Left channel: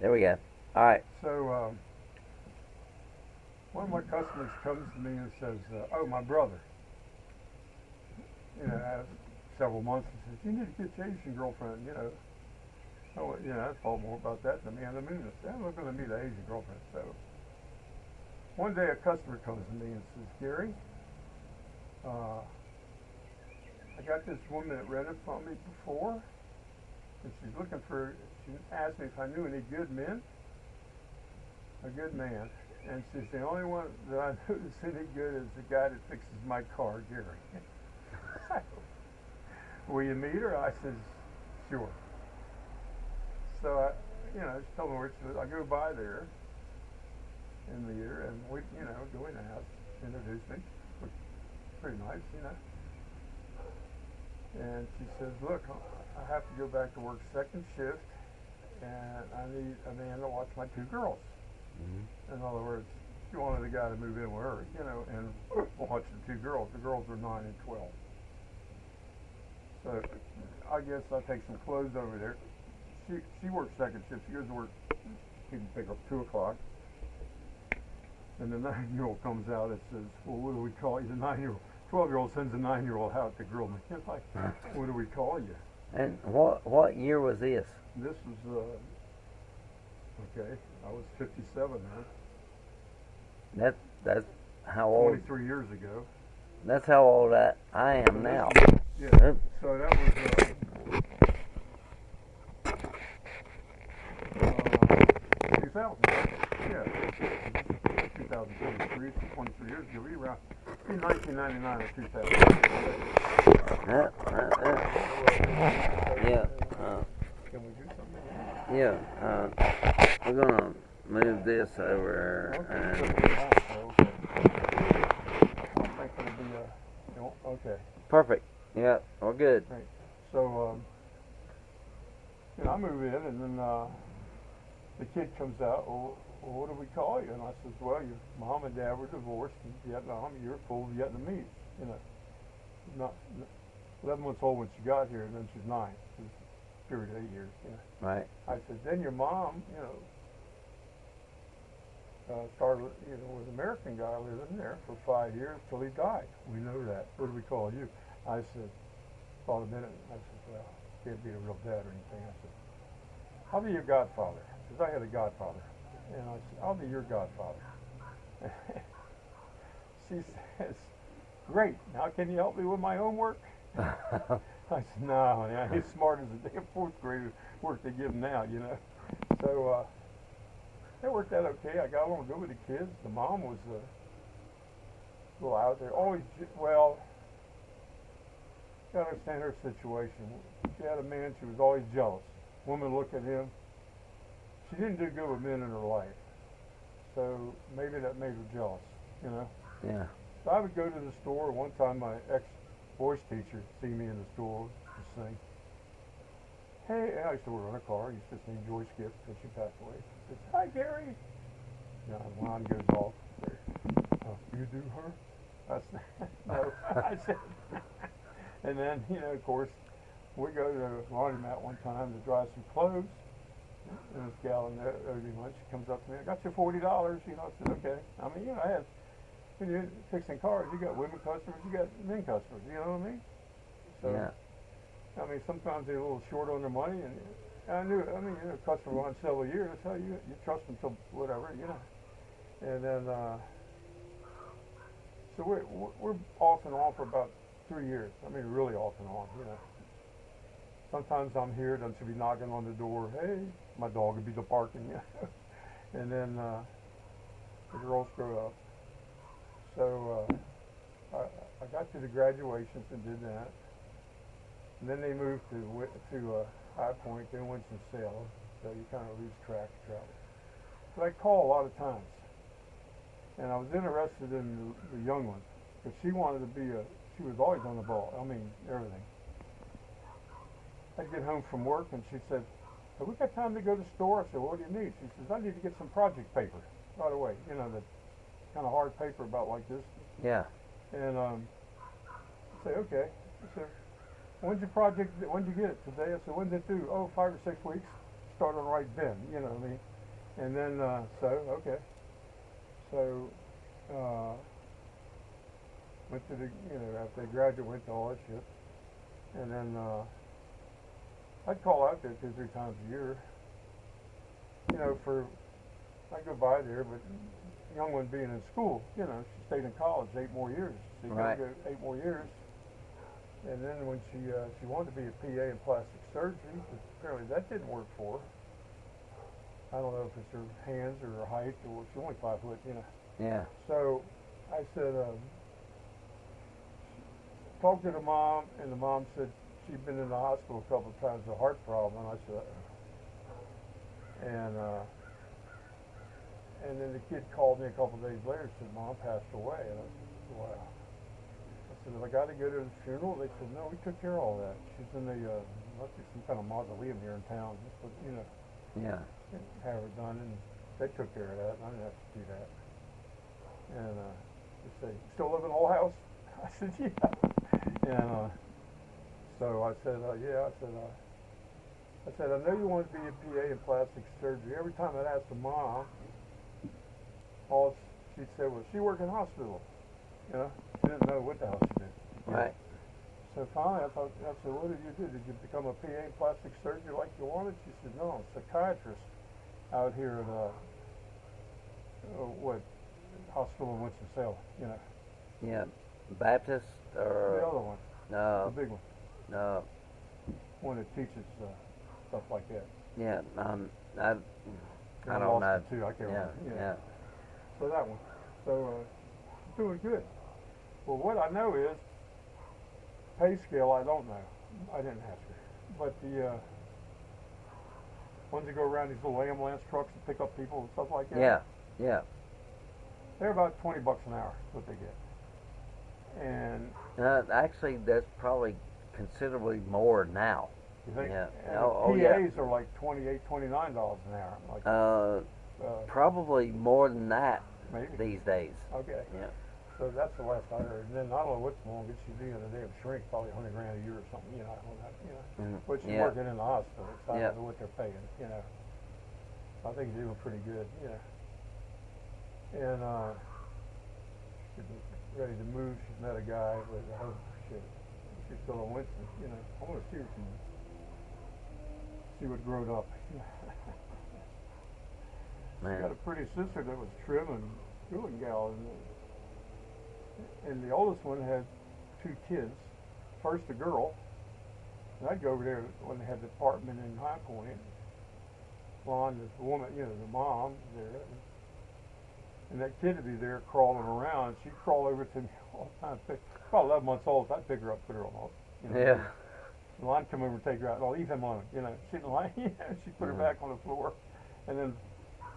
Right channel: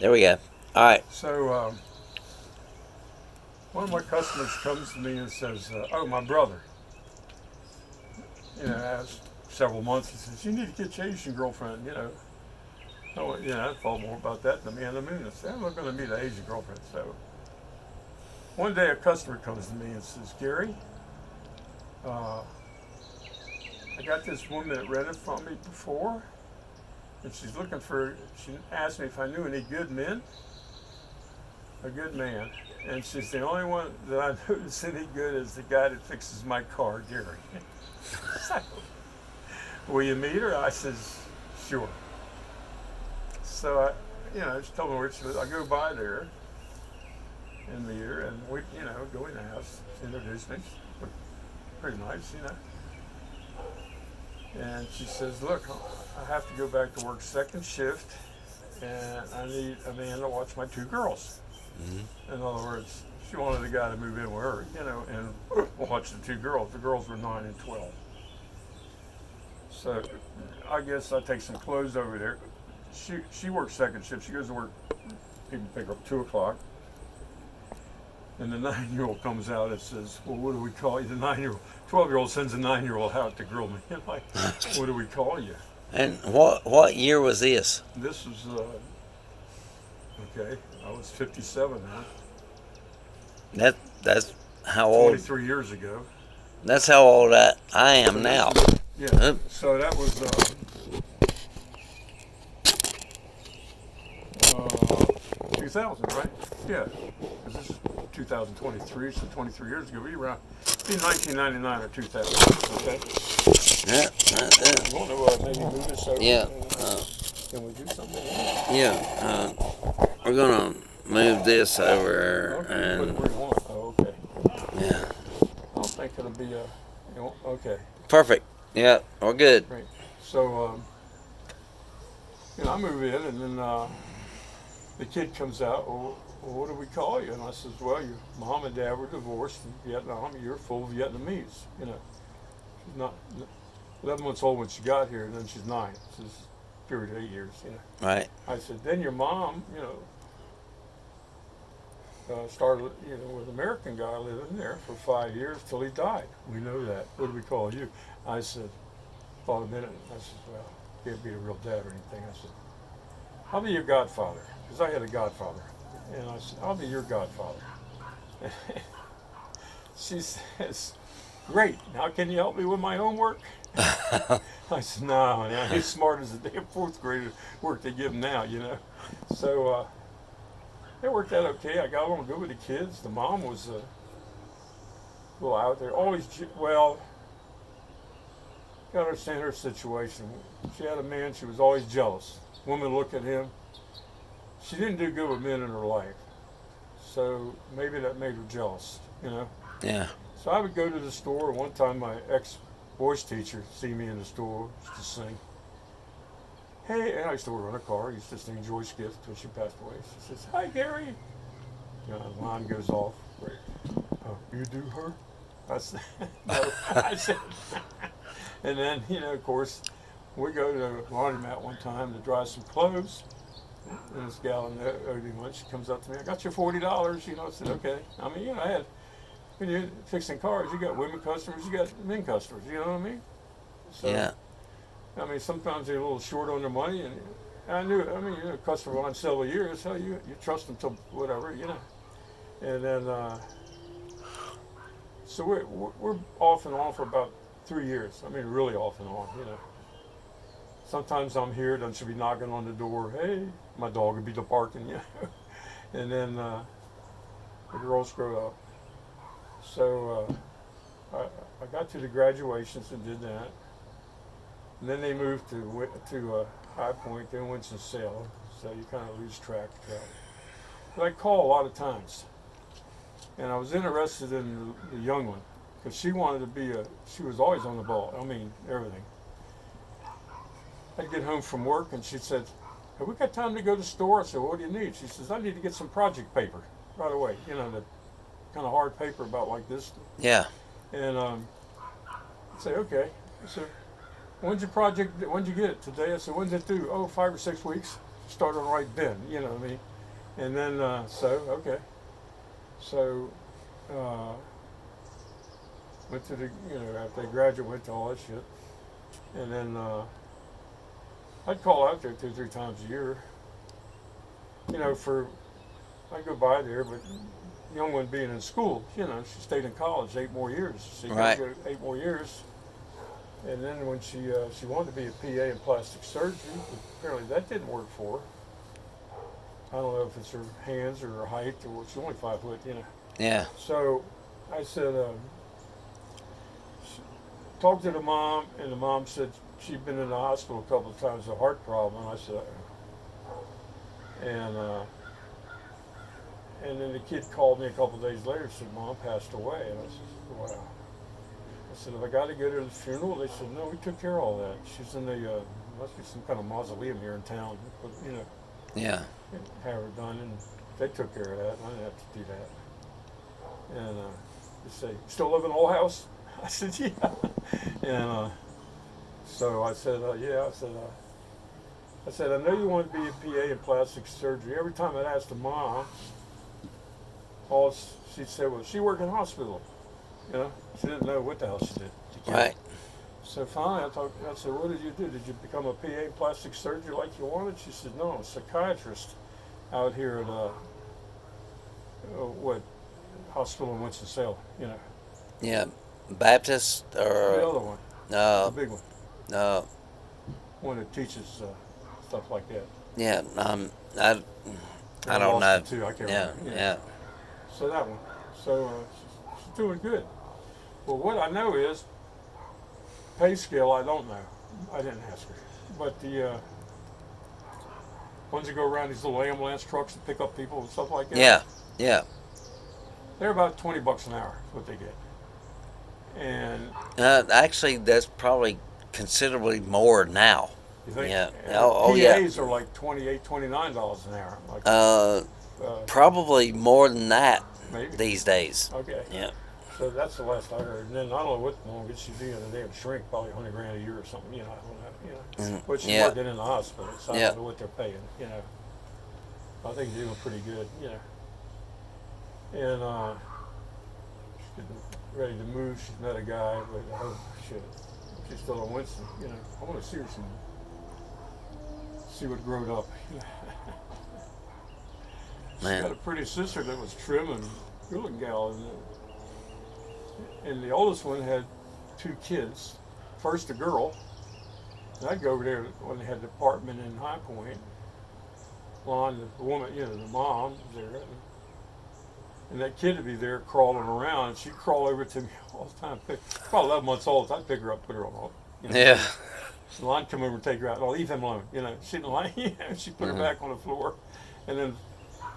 There we go. All right. So one of my customers comes to me and says, "Oh, my brother, has several months." He says, "You need to get your Asian girlfriend." I thought more about that than the man in the moon. I said, "I'm not going to meet an Asian girlfriend." So one day a customer comes to me and says, "Gary, uh, I got this woman that rented from me before, and she's looking for. She asked me if I knew any good men, a good man." And she's the only one that I know that's any good is the guy that fixes my car, Gary. So, will you meet her? I says, sure. So I just told her I go by there and meet her, and we, go in the house. She introduced me. Pretty nice. And she says, look, I have to go back to work second shift, and I need a man to watch my two girls. Mm-hmm. In other words, she wanted a guy to move in with her, and watch the two girls. The girls were 9 and 12. So I guess I take some clothes over there. She works second shift. She goes to work. People pick her up 2 o'clock, and the 9-year-old comes out and says, "Well, what do we call you?" The 9-year-old, 12-year-old sends a 9-year-old out to grill me. I'm like, what do we call you? And what year was this? This was okay. I was 57 then. That's how old. 23 years ago. That's how old I So am this now. is, yeah. Uh, So that was 2000, right? Yeah. This is 2023, so 23 years ago. We were around in 1999 or 2000. Okay. yeah, I don't know what I made a meter, so yeah, uh, can we do something? yeah. We're gonna move this over Okay, put it and where you want. Oh, okay. yeah, I don't think it'll be okay, perfect. Yeah, we're good. great. So, I move in, and then the kid comes out. Well, what do we call you? And I says, well, your mom and dad were divorced in Vietnam. You're full Vietnamese. She's not 11 months old when she got here, and then she's 9. This is a period of 8 years. Right. I said, then your mom, started, with an American guy living there for 5 years till he died. We know that. What do we call you? I said, thought a minute. I said, well, can't be a real dad or anything. I said, I'll be your godfather, because I had a godfather. And I said, I'll be your godfather. She says, great. Now can you help me with my homework? I said, no, honey, he's smart as a damn fourth grader work they give him now. So it worked out okay. I got along good with the kids. The mom was a little out there. Always, well, you gotta understand her situation. She had a man, she was always jealous. Women look at him. She didn't do good with men in her life. So maybe that made her jealous. Yeah. So I would go to the store. One time my ex-voice teacher see me in the store to sing. Hey, and I used to work on a car. I used to sing Joyce Gift until she passed away. She says, hi, Gary. The line goes off. Right. You do her? I said, no. I said, and then, of course, we go to the laundromat one time to dry some clothes. And this gal in there owed me lunch. She comes up to me. I got you $40. I said, okay. I mean, I had, when you're fixing cars, you got women customers, you got men customers. You know what I mean? So, Yeah. I mean, sometimes they're a little short on their money, and I knew. I mean, a customer on several years, so you trust them till whatever. And then, so we're off and on for about 3 years. I mean, really off and on. Sometimes I'm here, then she'll be knocking on the door. Hey, my dog would be barking. And then the girls grow up. So I got to the graduations and did that. And then they moved to High Point, then Winston-Salem. So you kind of lose track of travel. But I call a lot of times. And I was interested in the young one because she wanted to be she was always on the ball. I mean, everything. I'd get home from work and she said, have we got time to go to the store? I said, what do you need? She says, I need to get some project paper right away. The kind of hard paper about like this. Yeah. And I'd say, okay. I said, when'd you get it? Today? I said, when's it due? Oh, 5 or 6 weeks. Start on right then. You know what I mean? And then, okay. So, uh, went to the, after they graduated, went to all that shit. And then, I'd call out there 2 or 3 times a year. I'd go by there, but young one being in school, she stayed in college 8 more years. She Right. go 8 more years. And then when she wanted to be a PA in plastic surgery, but apparently that didn't work for her. I don't know if it's her hands or her height or she's only 5 foot, Yeah. So I said, talked to the mom, and the mom said she'd been in the hospital a couple of times with a heart problem. And I said, and then the kid called me a couple of days later and said, Mom passed away. And I said, wow. I said, have I got to go to the funeral? They said, no, we took care of all that. She's in the, must be some kind of mausoleum here in town. But, Yeah. have her done, and they took care of that. I didn't have to do that. And they say, still live in the old house? I said, yeah. And so I said, yeah. I said, I know you want to be a PA in plastic surgery. Every time I'd ask the mom, she'd say, well, she worked in a hospital. She didn't know what the hell she did. Right. So finally, I said, what did you do? Did you become a PA in plastic surgery like you wanted? She said, no, I'm a psychiatrist out here at hospital in Winston-Salem, Yeah. Baptist the or other one, no, the big one, no. one that teaches stuff like that. Yeah. I In don't know. Boston, too, I can't Yeah. remember. Yeah. So that one. So she's doing good. Well, what I know is pay scale. I don't know. I didn't ask her. But the ones that go around these little ambulance trucks that pick up people and stuff like that. Yeah. Yeah. They're about $20 an hour. Is what they get. And Actually, that's probably considerably more now. you think? Yeah. And Oh, PAs yeah. are like $28, $29 an hour. Like Probably more than that maybe. these days. Okay. Yeah. So that's the last I heard. And then I don't know what longest she's being a damn shrink, probably $100,000 a year or something. I don't know. But she's Yeah. working in the hospital, so I Yeah. don't know what they're paying. I think they're doing pretty good. And she's getting ready to move. She's met a guy, but oh shit, she's still in Winston. I want to see her see what growed up. She's got Man. a pretty sister that was trim and good-looking gal, and the oldest one had 2 kids. First a girl, and I'd go over there when they had the apartment in High Point. Lon, the woman, the mom was there, and that kid would be there crawling around, and she'd crawl over to me all the time. About 11 months old, I'd pick her up, put her on. Yeah. So Lon come over and take her out. I'll leave him alone. She didn't like. She put her back on the floor, and then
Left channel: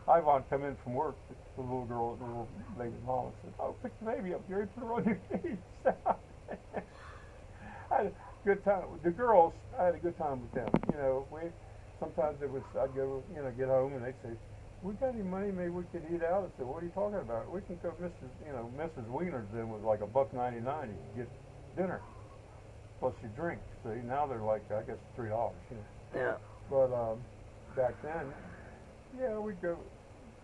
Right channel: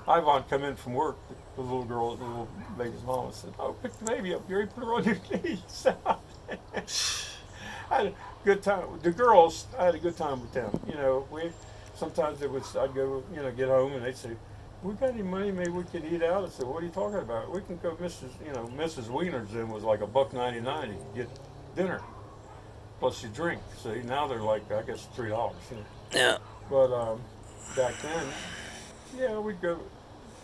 Ivan come in from work. The little girl, the little baby's mom, said, "Oh, pick the baby up, Gary. Put her on your knees." I had a good time. The girls, I had a good time with them. Sometimes I'd go, get home, and they'd say, "We got any money? Maybe we could eat out." I said, "What are you talking about? We can go." Mrs. Wiener's then was like $1.99. You could get dinner plus you drink. So now they're like, I guess $3. Yeah. But back then, yeah, we'd go.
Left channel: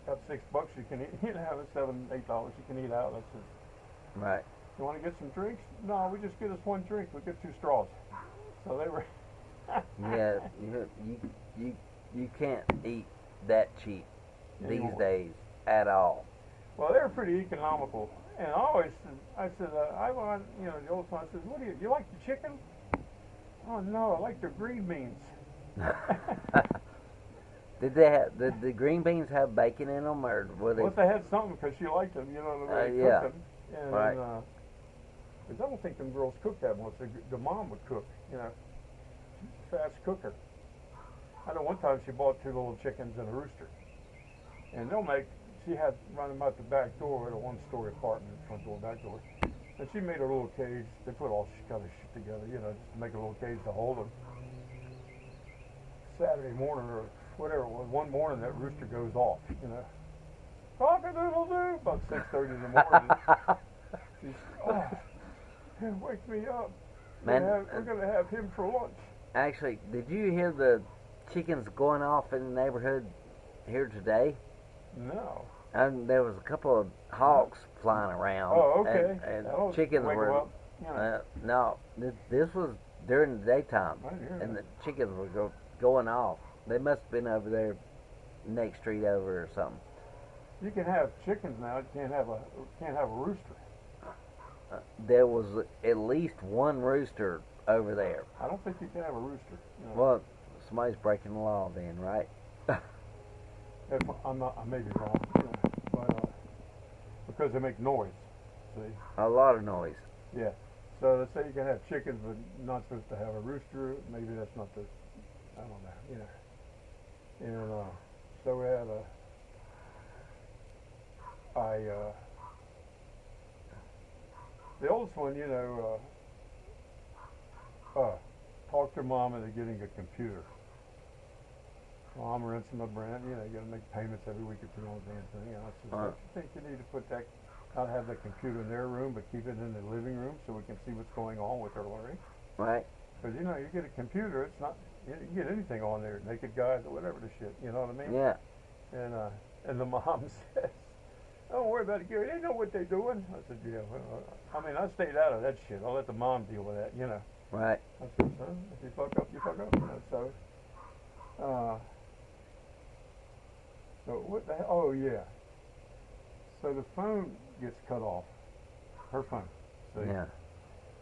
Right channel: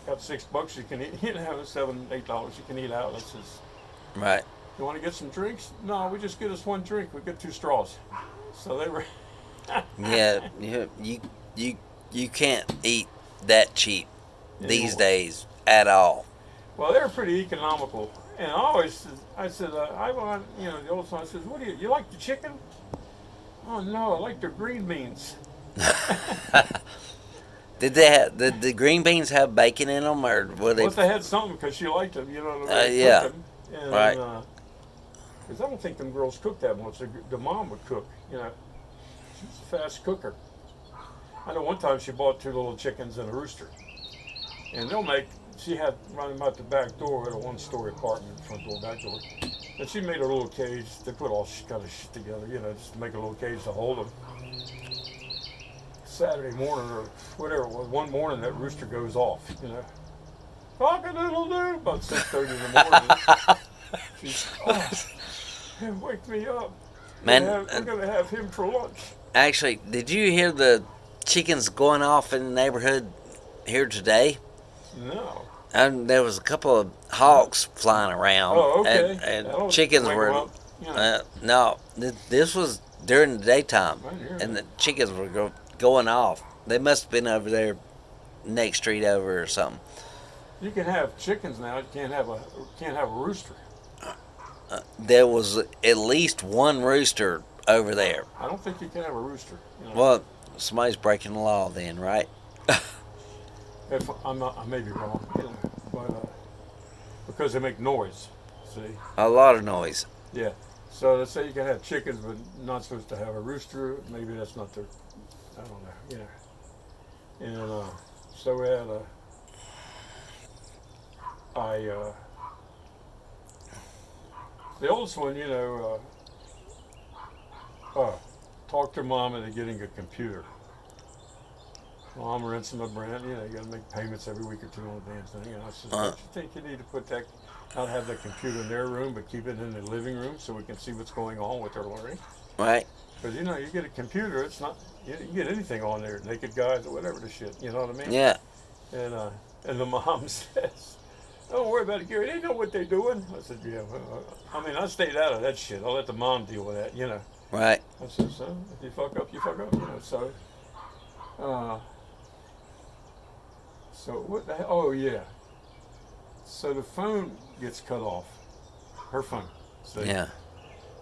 Got $6 you can eat. $7, $8 you can eat out. That's just. Right. You want to get some drinks? No, we just get us one drink. We get 2 straws. So they were. Yeah. You can't eat that cheap these Anymore. days at all. Well, they were pretty economical, and I said, I want, the oldest one says, "What do you like the chicken?" "Oh no, I like their green beans." Did the green beans have bacon in them, or were they? Well, if they had something, because she liked them, the way they Yeah. cooked them. And, Right. Because I don't think them girls cooked that much. The mom would cook, She's a fast cooker. I know one time she bought 2 little chickens and a rooster. And she had running out the back door at a 1-story apartment, front door, back door. And she made a little cage. They put all kind of shit together, just to make a little cage to hold them. Saturday morning or whatever it was, one morning that rooster goes off, Cock-a-doodle-doo, about 6:30 in the morning. She's, wake me up. Man, We're gonna have him for lunch. actually, did you hear the chickens going off in the neighborhood here today? No. And there was a couple of hawks flying around, Oh, okay. and That'll chickens wake 'em were. up. You know, No, this was during the daytime, I hear and that. the chickens were going off. They must have been over there next street over or something. You can have chickens now. You can't have a rooster. There was at least one rooster over there. I don't think you can have a rooster. You know, Well, somebody's breaking the law then, right? if I'm not, I may be wrong. You know, but because they make noise. See. A lot of noise. Yeah. So let's say you can have chickens, but not supposed to have a rooster. Maybe that's not their. I don't know. You know. And so we had the oldest one, you know, talked her mom into getting a computer. Mom rents them a brand, you know, you got to make payments every week or two on the damn thing. And I said, don't you think you need to put that, not have the computer in their room, but keep it in the living room so we can see what's going on with their learning? Right? Because, you know, you get a computer, it's not, you can get anything on there, naked guys or whatever the shit, you know what I mean? Yeah. And the mom says, don't worry about it, Gary, they know what they're doing. I said, yeah, well, I mean, I stayed out of that shit. I'll let the mom deal with that, you know. Right. I said, son, if you fuck up, you fuck up, you know, so. So what the hell? Oh yeah. So the phone gets cut off. Her phone. See? Yeah.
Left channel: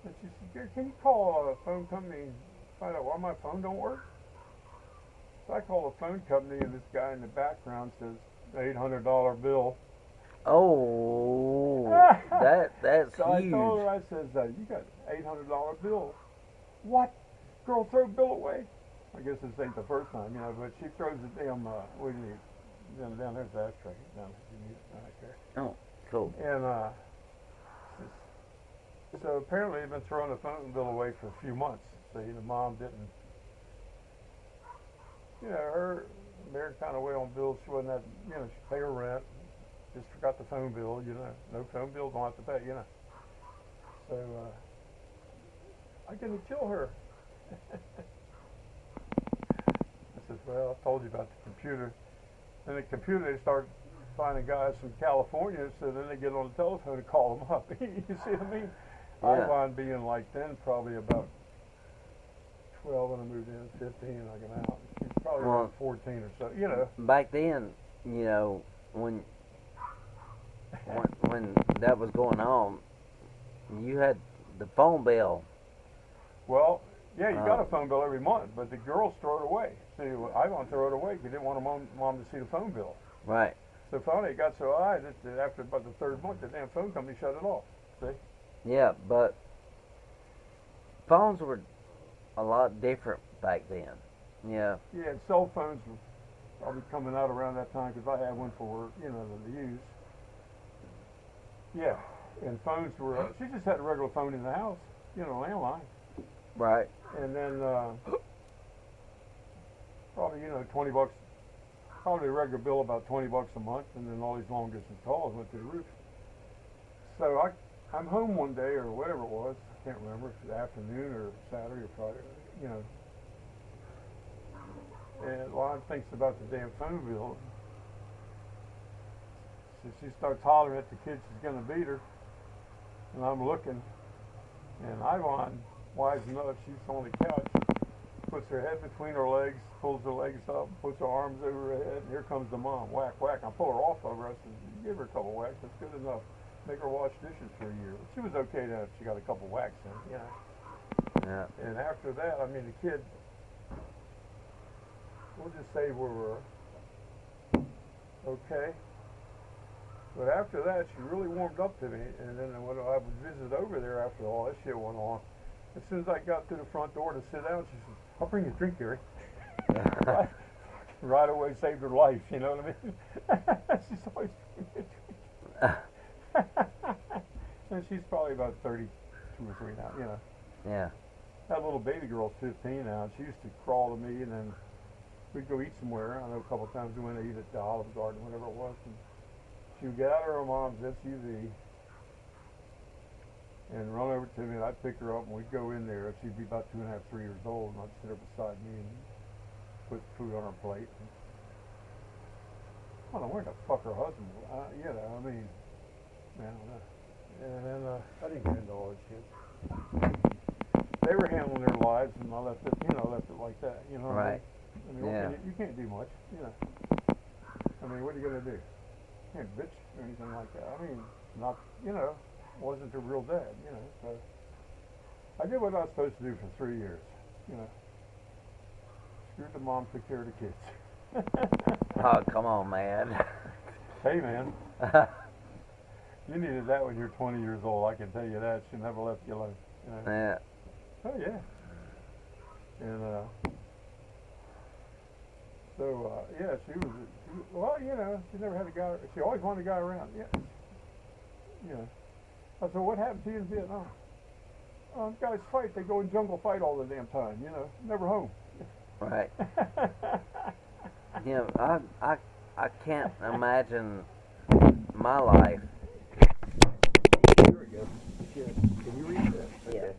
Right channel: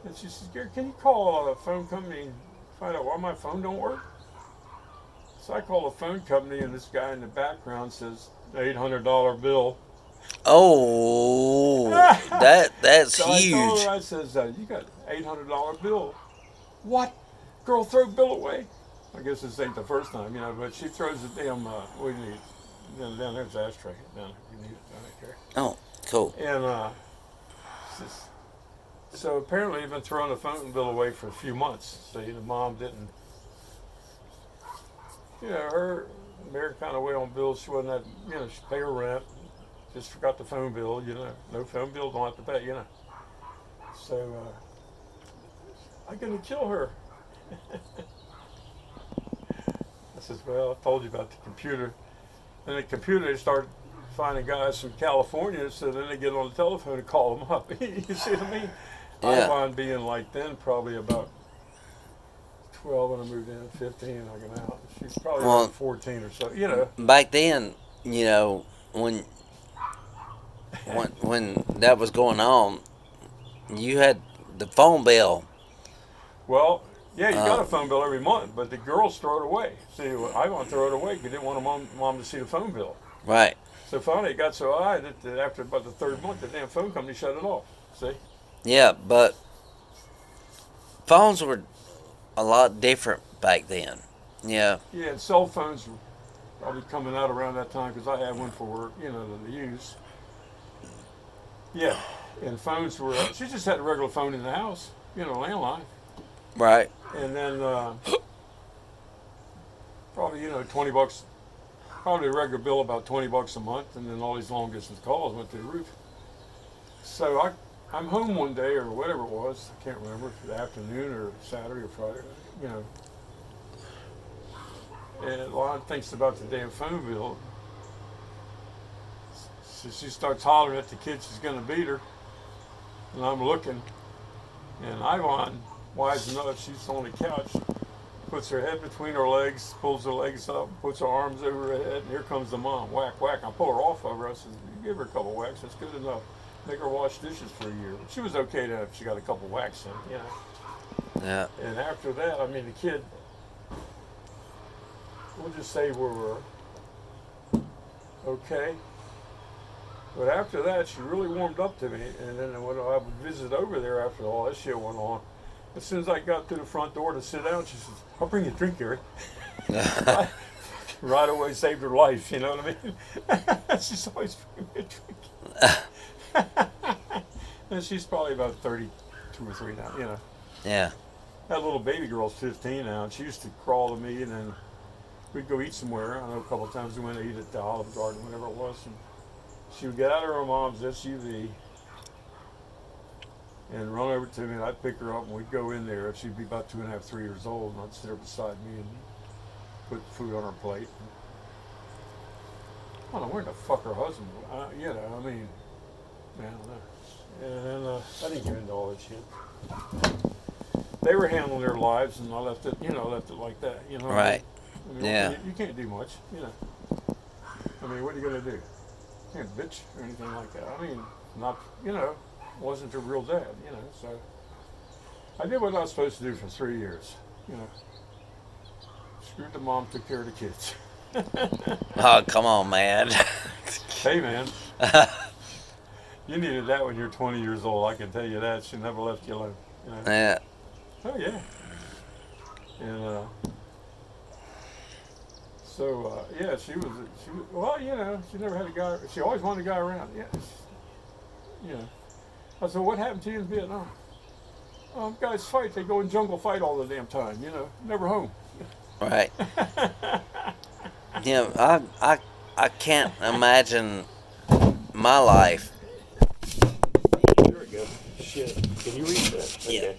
And she says, Gary, can you call a phone company and find out why my phone don't work? So I call the phone company and this guy in the background says, $800 bill. Oh, that's So I told huge. her, I says, you got $800 bill. What? Girl, throw bill away. I guess this ain't the first time, you know, but she throws the damn, what do you need? Down there's the ashtray. Down if you need it, right there. Oh, cool. And so apparently you've been throwing the phone bill away for a few months. So the mom didn't, you know, her married kind of way on bills. She wasn't that, you know, she paid her rent, just forgot the phone bill, you know. No phone bill, don't have to pay, you know. So I'm gonna kill her. I says, well, I told you about the computer. And the computer, they start finding guys from California, so then they get on the telephone and call them up. You see what I mean? Yeah. Ivon being like then probably about 12 when I moved in, 15 I got out. She's probably Well, around 14 or so, you know. Back then, you know, when that was going on, you had the phone bill. Well, yeah, you got Uh, a phone bill every month, but the girls throw it away. See, Ivon throw it away because he didn't want mom to see the phone bill. Right. So finally it got so high that after about the third month, the damn phone company shut it off. See? Yeah, but phones were a lot different back then. Yeah. Yeah, and cell phones were probably coming out around that time because I had one for, you know, to use. Yeah, and phones were, she just had a regular phone in the house, you know, landline. Right. And then probably, you know, 20 bucks, probably a regular bill about 20 bucks a month, and then all these long distance calls went through the roof. So I'm home one day or whatever it was, I can't remember, if it was the afternoon or Saturday or Friday, you know. And Lon thinks about the damn phone bill. So she starts hollering at the kid she's gonna beat her. And I'm looking, and Ivon, wise enough, she's on the couch, puts her head between her legs, pulls her legs up, puts her arms over her head, and here comes the mom. Whack, whack. I pull her off of her. I said, you give her a couple whacks, that's good enough. Make her wash dishes for a year. But she was okay to if she got a couple whacks in, you know. Yeah. And after that, I mean, the kid, we'll just say we were okay. But after that, she really warmed up to me. And then when I would visit over there after all that shit went on, as soon as I got to the front door to sit down, she says, I'll bring you a drink, Gary. Right away saved her life, you know what I mean? She's always bringing me a drink. And she's probably about 32 or 3 now, you know. Yeah. That little baby girl's 15 now, and she used to crawl to me, and then we'd go eat somewhere. I know a couple of times we went to eat at the Olive Garden, whatever it was. And she would get out of her mom's SUV and run over to me, and I'd pick her up, and we'd go in there. She'd be about 2.5, 3 years old, and I'd sit her beside me and put food on her plate. I don't know where the fuck her husband. You know, I mean, I don't know. And then I didn't get into all that shit. They were handling their lives, and I left it. You know, left it like that. You know. Right. I mean, Yeah. you can't do much. You know. I mean, what are you gonna do? You can't bitch or anything like that. I mean, not. You know, wasn't a real dad. You know, so I did what I was supposed to do for 3 years. You know. Screwed the mom, took care of the kids. Oh, come on, man. Hey, man. You needed that when you're 20 years old. I can tell you that. She never left you alone. You know? Yeah. Oh yeah. And so yeah, she was. Well, you know, she never had a guy. She always wanted a guy around. Yeah. You know. I said, what happened to you in Vietnam? Guys fight. They go in jungle fight all the damn time. You know, never home. Right. Yeah, I can't imagine my life. There we go. Shit. Can you read that? Yeah. Okay.